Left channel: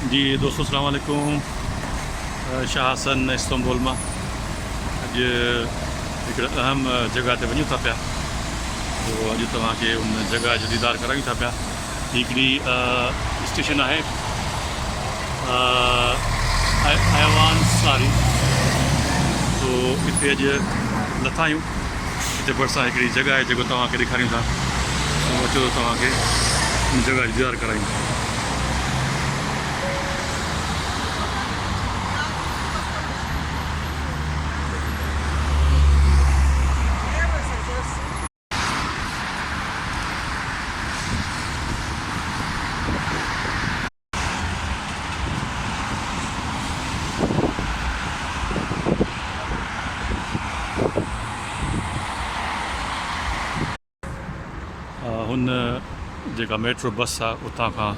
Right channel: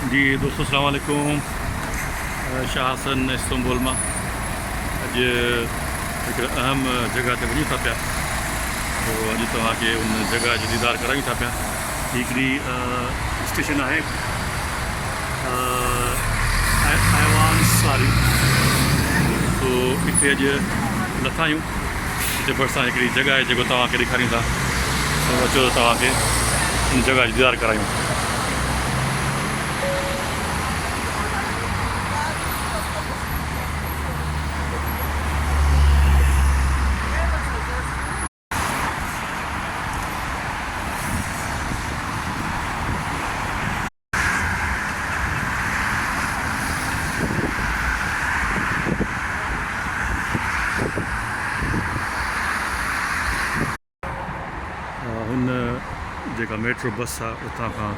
जी दोस्तों अस्सलाम वालेकुम। शाह हसन इस्तांबुल में अॼु हिकिड़े अहम जगह ते वञूं था पिया। तो अॼु तव्हांखे उन जगह जो दीदार करायूं था पिया। हिकिड़ी स्टेशन आहे अयवान सारी। तो हिते अॼु लथा आहियूं। हिते भरिसां हिकिड़ी जगह आहे जेको तव्हांखे ॾेखारियूं था। तो अचो त तव्हांखे उन जगह जो दीदार करायूं। हुन जेका मेट्रो बस आहे उतां खां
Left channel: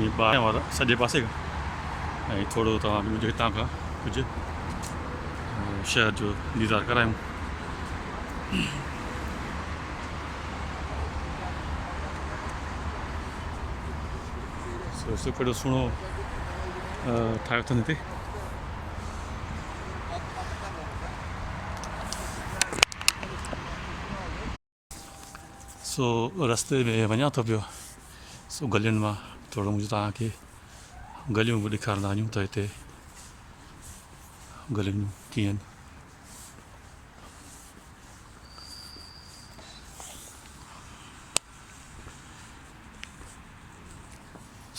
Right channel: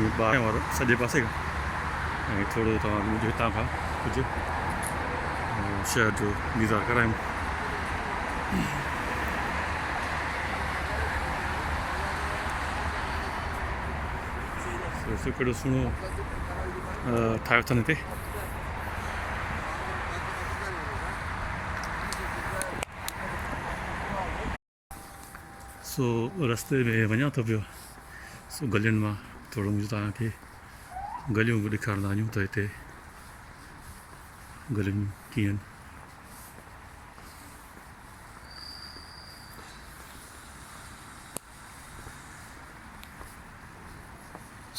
ईअं ॿाहिरि वारा सॼे पासे खां ऐं थोरो तव्हांखे मुंहिंजो हितां खां कुझु शहर जो दीदार करायूं। कहिड़ो सुहिणो ठाहियो अथनि हिते। सो रस्ते में वञा थो पियो। सो गलियुनि मां थोरो मुंहिंजो तव्हांखे गलियूं बि ॾेखारींदा आहियूं त हिते गलियूं कीअं आहिनि।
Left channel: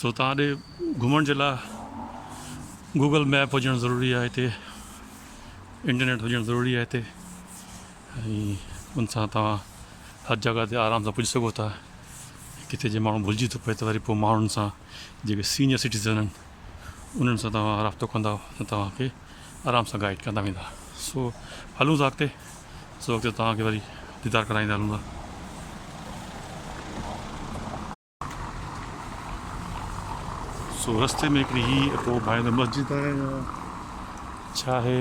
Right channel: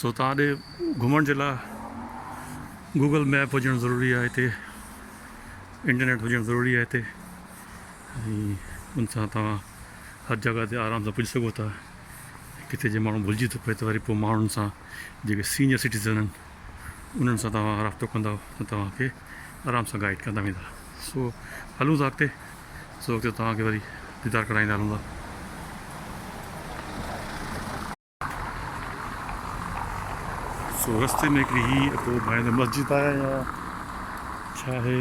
सो तव्हां ॾे घुमण जे लाइ गूगल मैप हुजणु ज़रूरी आहे। हिते इंटरनेट हुजणु ज़रूरी आहे हिते। ऐं उन सां तव्हां हर जॻह ते आराम सां पुॼी सघो था। किथे जे माण्हू भुलिजी थो पए त वरी पोइ माण्हुनि सां जेके सीनियर सिटीज़न आहिनि उन्हनि सां तव्हां राब्तो कंदा त तव्हांखे आराम सां गाइड कंदा वेंदा। सो हलूं था अॻिते। सो अॻिते तव्हांखे वरी दीदार कराईंदा हलूं था। सो रस्ते में हिकिड़ी ही पोइ भाई मस्जिद आहे या छा आहे।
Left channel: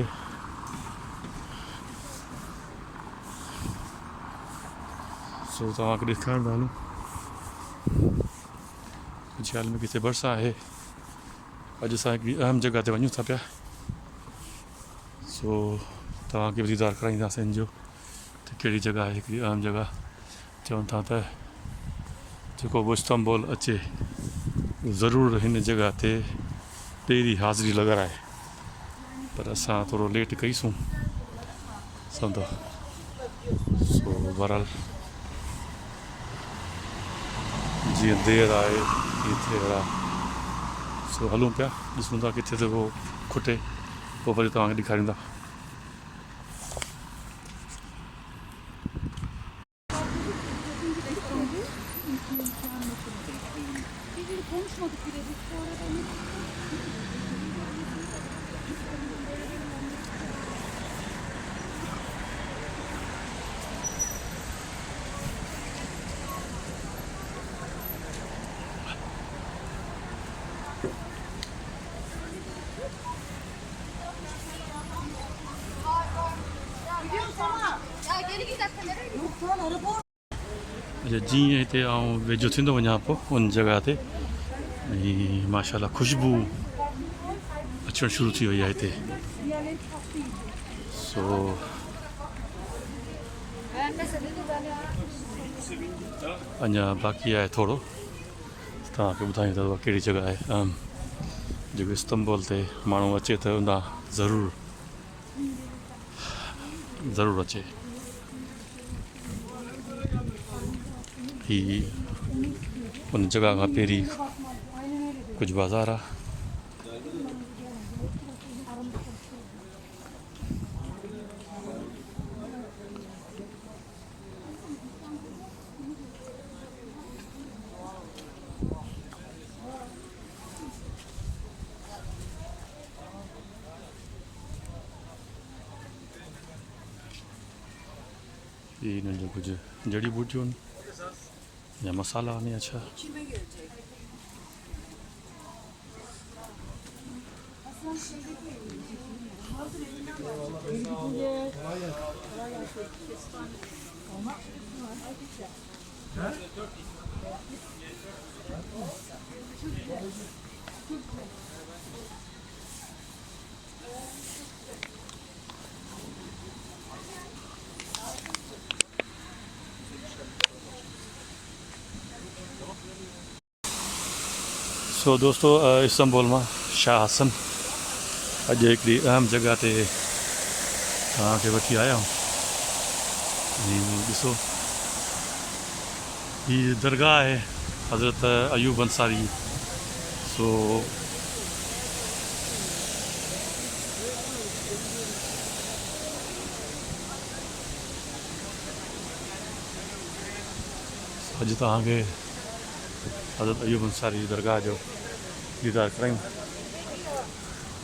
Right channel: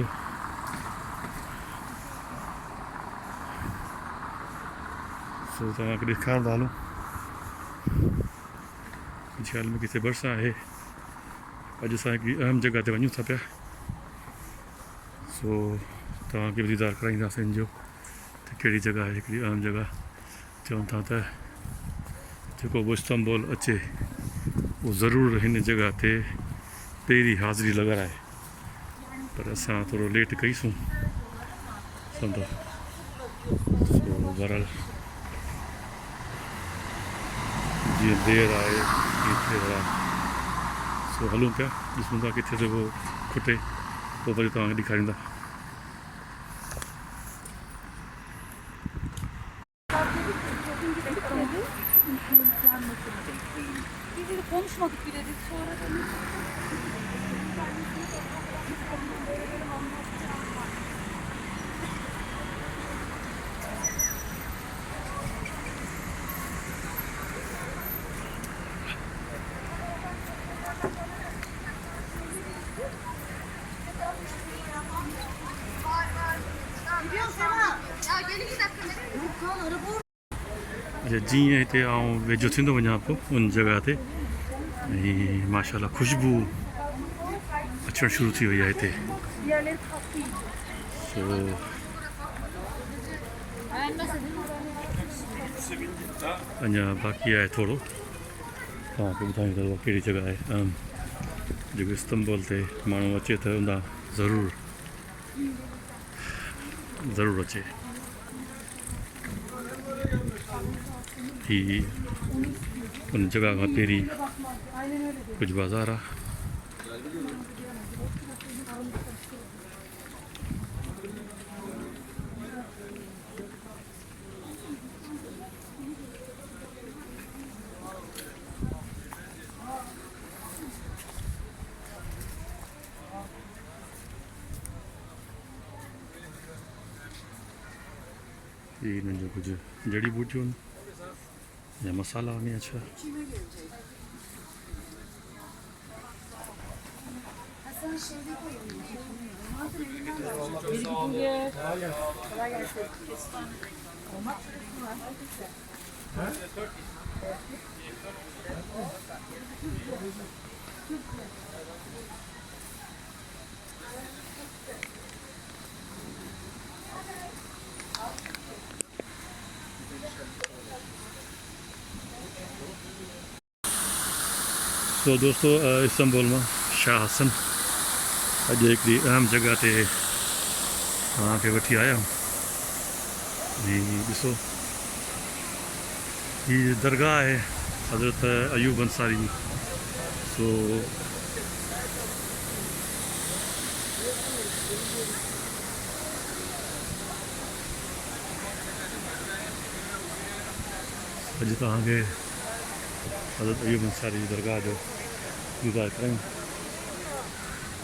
सो तव्हांखे ॾेखारींदा हलूं। ख़्याल में किथे भरिसां आहे। अॼु असां हिकिड़ी अहम जॻह ते वञूं था पिया। सो तव्हांखे बि दीदार कराईंदासीं हिन जो त कहिड़ी जॻह आहे हिकिड़ी अहम जॻह। चवनि था त जेको बि इस्तांबुल अचे उहो ज़रूरु हिन जॻह ते पहिरीं हाज़िरी लॻाराए। पर असां थोरो लेट कईसूं सम्झो। सो बहरहाल जीअं देरि आहे तीअं थिए रहा। सो हलूं पिया ॾिसूं था किथे त उहो खुटे पोइ वरी तव्हांखे ॾेखारींदा। अच्छा जीअं हिते आउं वेझो थींदो वञा पोइ उन जॻह ते ऐं माशाल्लाह ख़ुशबू अचणु शुरू थी वई आहे हिते। सो अञा बाक़ी आहे थोरो। तव्हांखे ॿुधायूं था कहिड़ी जॻह आहे जेको इस्तांबुल ते माण्हू अचे त उन ज़रूरु अचे। ही उन जॻह खां पहिरीं कुझु बाज़ार आहे। ये इन्हनि जो कुझु जड़ी बूटियूं आहिनि या मसाला आहिनि या छा। सो दोस्तों इस्तांबुल में शाह हसन अॼु हिकिड़ी अहम जगह ते तव्हांखे वठी आया आहियूं। ॾिसो हीअ दरगाह आहे हज़रत अयूब अंसारी। सो अॼु तव्हांखे हज़रत अयूब अंसारी दरगाह जो दीदार करायूं।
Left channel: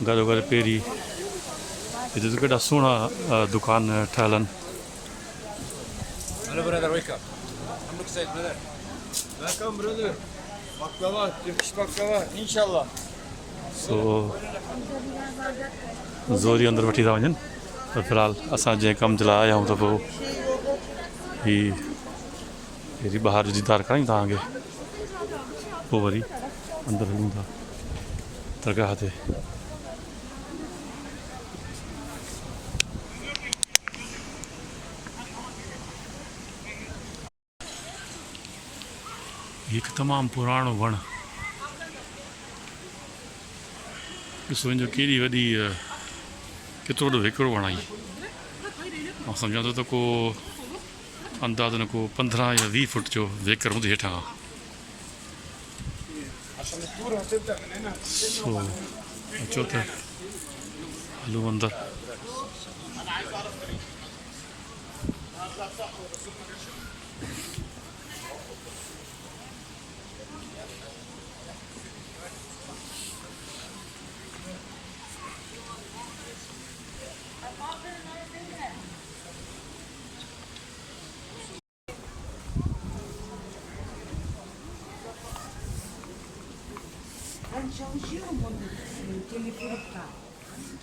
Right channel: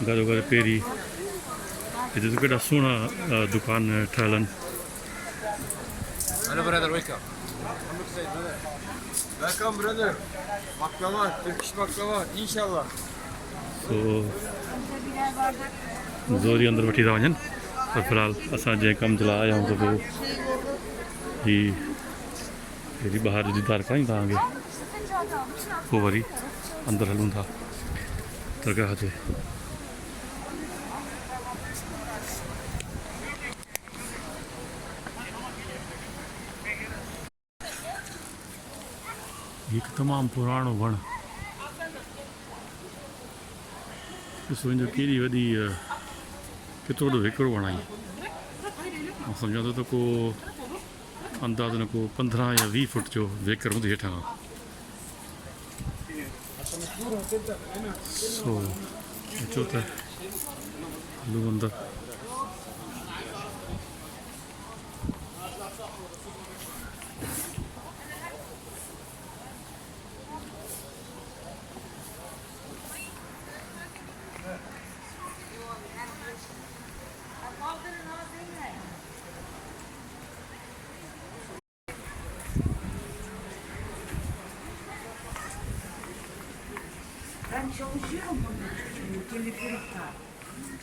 गॾो गॾु पहिरीं हिते त केॾा सुहिणा दुकान ठहियल आहिनि। Hello brother, welcome. Look inside brother. Welcome brother. Baklava, Turkish baklava, inshallah. सो ज़ोरी अंदरि वठी था वञनि, पर फ़िलहाल असां जंहिं कम जे लाइ आया आहियूं त पोइ हीअ ॿाहिरि दीदार करायूं तव्हांखे, पोइ वरी अंदरि हलूं था दरगाह ते। हिकु तमामु पुराणो वणु, ॾिसो हिनजो केॾी वॾी केतिरो वॾो हिकिड़ो वणु आहे। मां सम्झां थो त को अंदाज़न को 15 या 20 फुट जो वेकर हूंदी हेठां। सो अचो त हलूं अंदरि। Ben çalışıyorum burada. Teleferik'te.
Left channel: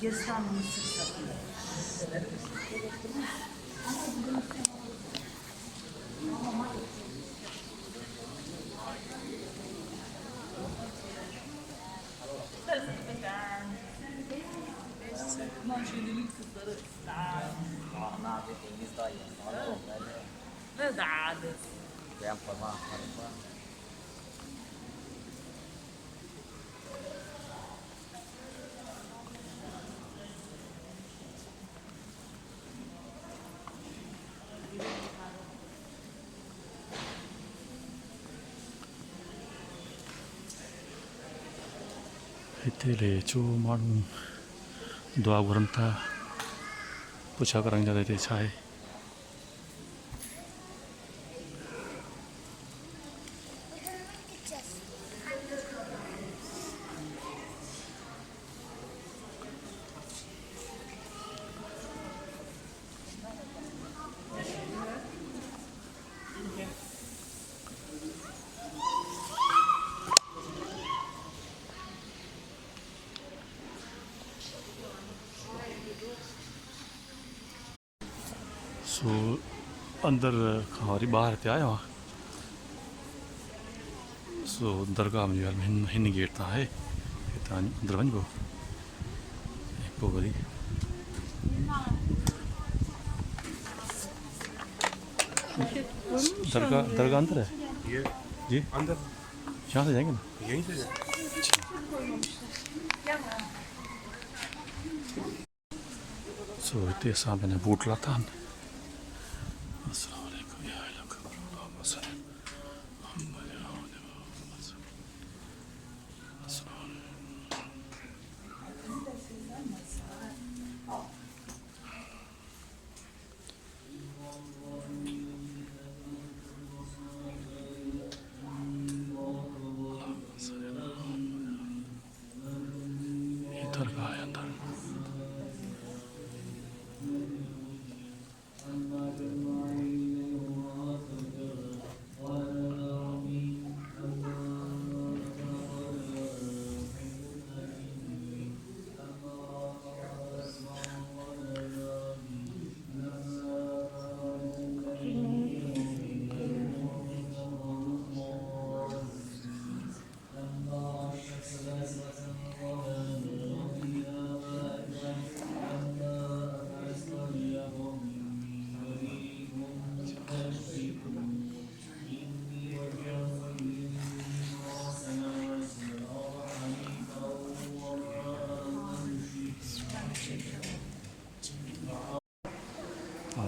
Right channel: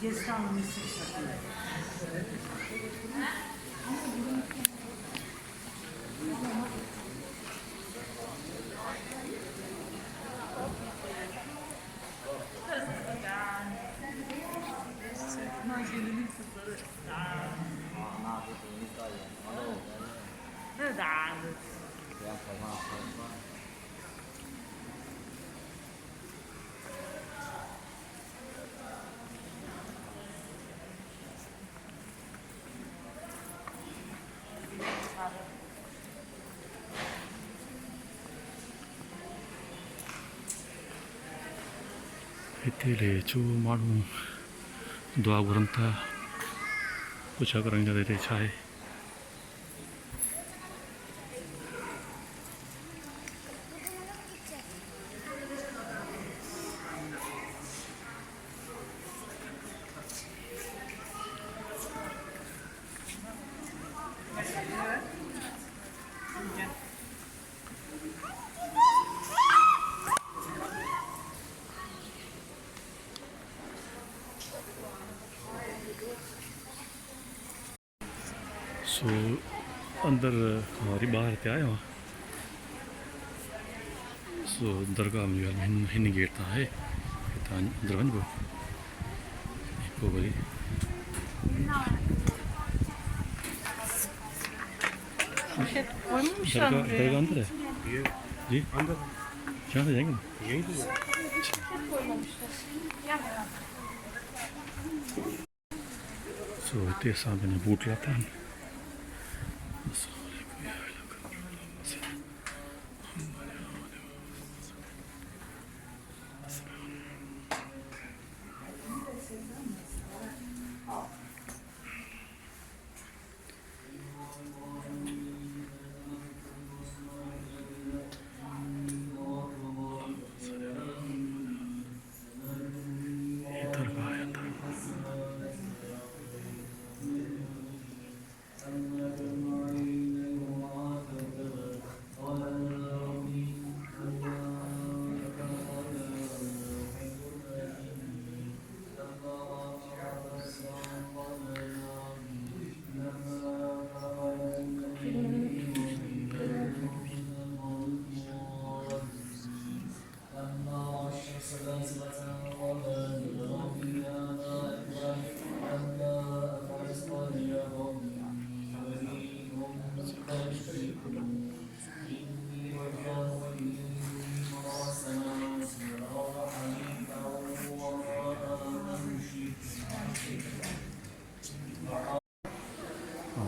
Gezden Mısır satıyor. हिते ॾे अचो माण्हू दुआ घुरनि था, पुछा करण जा हिते छा आहे। सो अंदरि खां वरी ॿाहिरि हिते आयो आहियां। सो दरगाह में हिन गेट तां आहे, हितां अंदरि वञिबो ऐं पोइ वरी दरगाह अंदर है जी, यहाँ से जाएंगे ना यही से। सो हिते असां पंहिंजा बूट लाथा आहिनि। दरगाह है अंदर।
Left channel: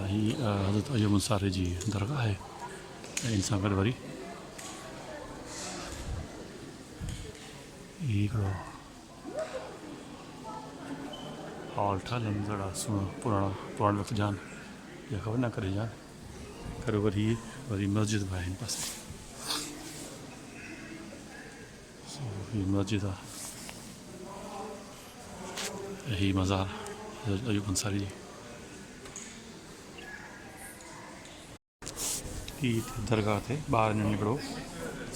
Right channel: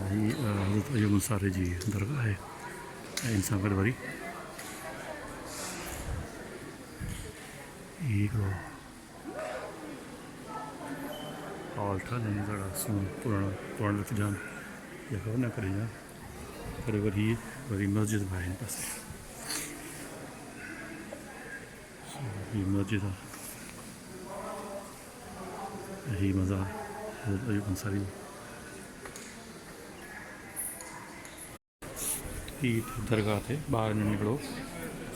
हीअ हज़रत अयूब अंसारी जी दरगाह आहे ऐं इन सां गॾु वरी हिकिड़ो हॉल ठहियल आहिनि ॾाढा सुहिणा पुराणा वक़्त जा आहिनि इहा ख़बर न करे जा पर वरी मस्जिद बि आहे हिन पासे हीअ मस्जिद आहे ऐं हीअ मज़ार हज़रत अयूब अंसारी जी हीअ दरगाह ते ॿारनि हिकिड़ो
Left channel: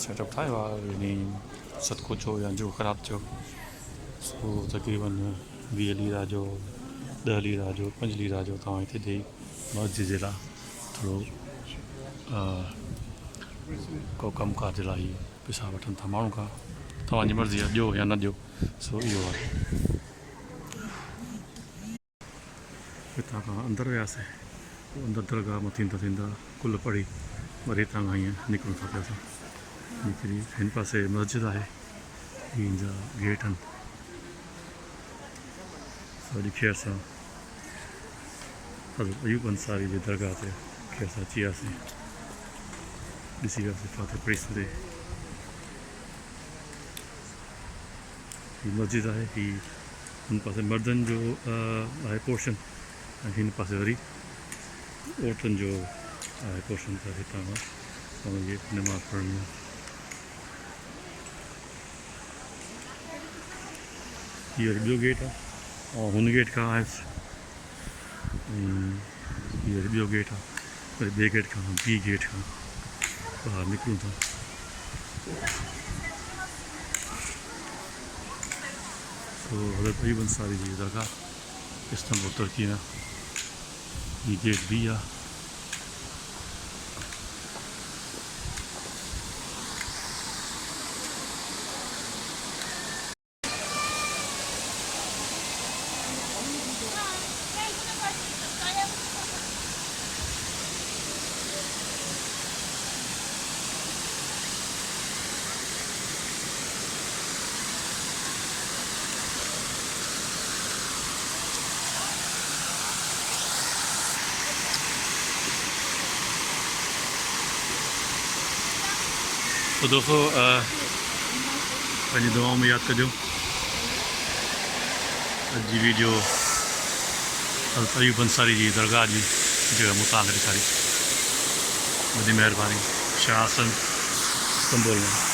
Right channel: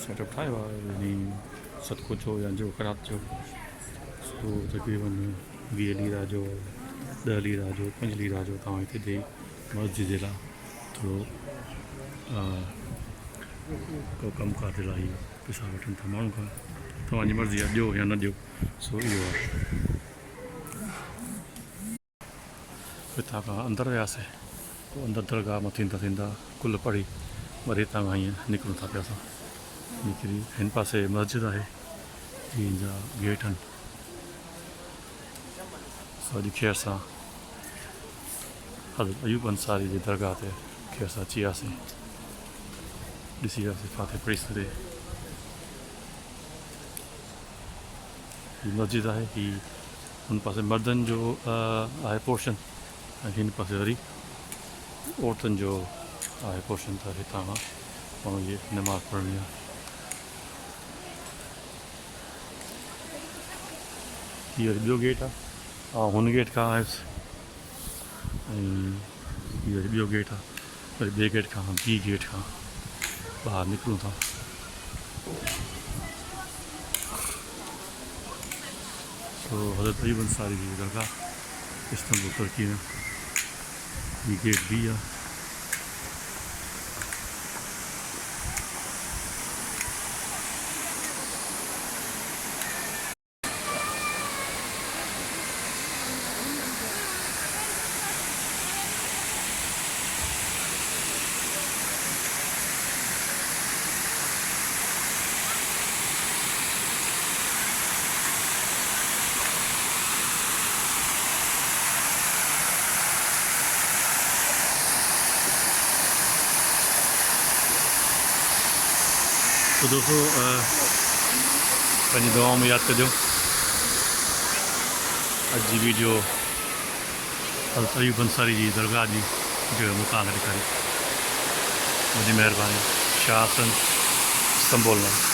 सेटअप ठाहियो आहे यानी सदको चओ या जो ख़राबु चओ सो तक़रीबन 20 लीरा जो 10 लीरा जो 5 लीरा जो तव्हां हिते ॾेई मस्जिद जे लाइ थोरो को कमुकार जे लाइ पैसा वठनि था माण्हू खां तव्हांजी मर्ज़ी आहे ॾियो या न ॾियो सो इहो आहे हितां खां अंदरि वियासीं पोइ अंदरि दरगाह में थींदा कुल पढ़ी वरी हितां खां हीअं निकिरूं था पिया असां निकिरी हिन पासे मस्जिद आहे हीअ जा गेट आहिनि सॼी खैर सां हज़रत अयूब अंसारी जी दरगाह ते खैर सां अची वियासीं ॾिसी वियासीं फाते पढ़ीसीं हीअ मस्जिद आहे हीअ हुन पासे मर्दनि जो आहे पोर्शन ऐं हिन पासे वरी औरतुनि जो आहे पोर्शन त हितां खां माण्हू इहे नमाज़ पढ़णी आहे हीअ वरी ॿियो गेट आहे ऐं हुन गेट खां आयुसि ऐं हीअ वरी ॿियो गेट आहे वरी ॿिए गेट खां ॿी गेट खां ॿाहिरि निकिरूं था सो हज़रत अयूब अंसारी जी दरगाह इस्तांबुल तुर्की में हीअ गेट बी आहे तो दोस्तों पंहिंजी दुआओं में यादि कजो अॼु जी वीडियो हज़रत अयूब अंसारी जी दरगाह जी जगह मूं तव्हांखे ॾेखारी वॾी महिरबानी शाह इस्तांबुल में